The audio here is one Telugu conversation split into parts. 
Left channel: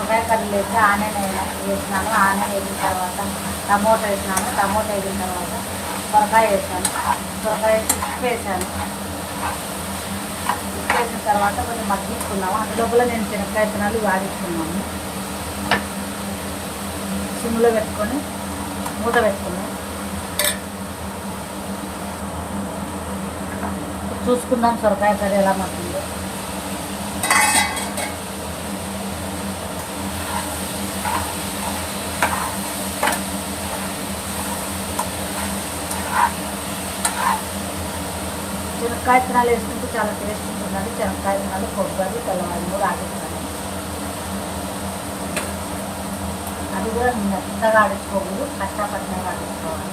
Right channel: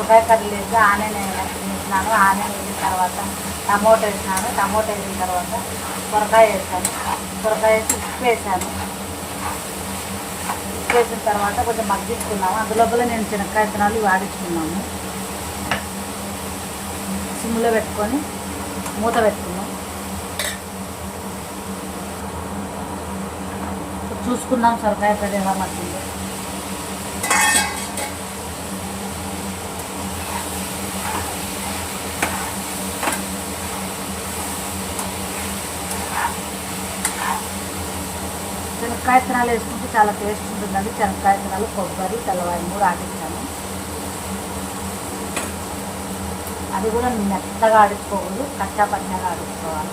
సొరకాయ కర్రీ లేదు, ఆనియన్ వేసినాను. ఆనియన్ వేసిన తర్వాత టమోటా వేసినాను. టమోటా వేసిన తర్వాత సొరకాయ వేసాను. సొరకాయ వేసి ఉప్పు వేసాను. ఉప్పు వేసిన తర్వాత కొంచెం మగ్గించుకున్నాము. అందులోపల నేను శనక్కాయ విత్తనాలు వాడించుకున్నాము. సిమ్లో పెట్టుకొని మూత పెట్టుకున్నాం. చూసుకుందాం సొరకాయ కర్రీ ఎలా మగ్గిందో. శనక్కాయ విత్తనాలు వేసుకుంటే చాలా టేస్ట్ ఉంటుందండి. శనక్కాయ విత్తనాలు, కొబ్బరి, తెల్లవారి కూడా ఆడిస్తాను. అది కూడా మెత్తగా ఆడించుకోకూడదు, కష్టపడినగా ఆడించుకోవాలి.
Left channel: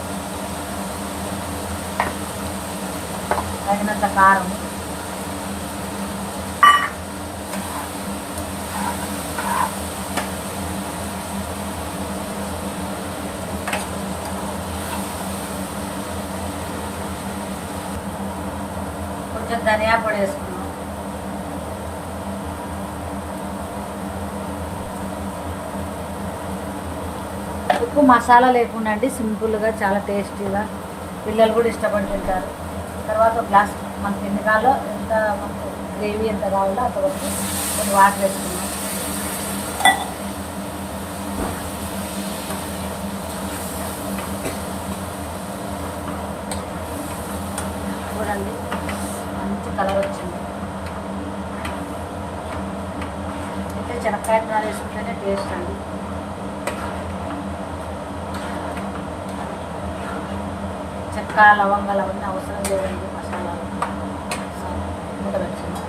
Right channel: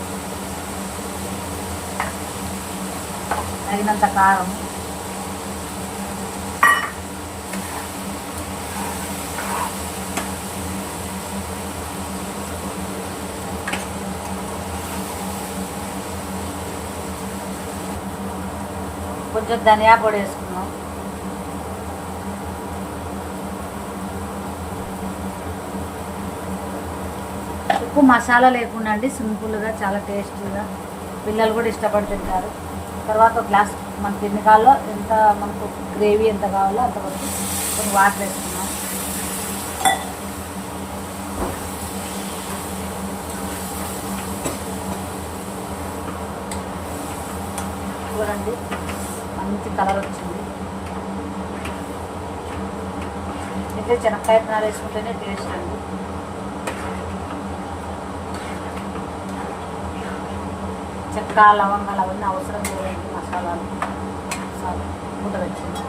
తగినంత కారం, కొంచెం ధనియా పొడి వేసుకున్నాం. ఎక్కువ మసాలా లేకుండా అండి, సింపుల్గా చాలా టేస్టీగా పిల్లలు కూడా ఇష్టపడి తింటారు. తర్వాత ఒక గ్లాస్ మనకి ఎన్ని కావాలో, ఎంత మనకు గ్రేవీ ఎంత కావాలో అంత కొట్టి కొన్ని వాటర్ వేసుకున్నాం. చూడండి మంచి కలర్ వచ్చింది. ఇంకా శనక్కాయ విత్తనాలు వేసుకుంటేనే టేస్ట్ అండి. చెక్క, లవంగాలు అవన్నీ అవసరం లేదండి. మసాలాలు మూత వచ్చింది.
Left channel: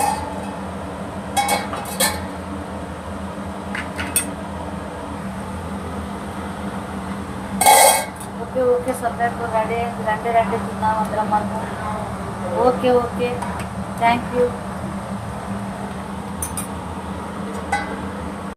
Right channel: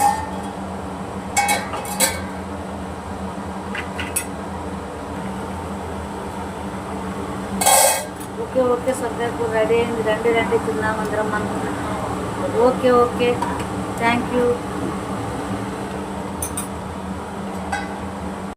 ఓకే ఓకే, సొరకాయ కూర రెడీ అయింది. రండి రండి తిందాం అందరం మనం. Okay okay, thank you.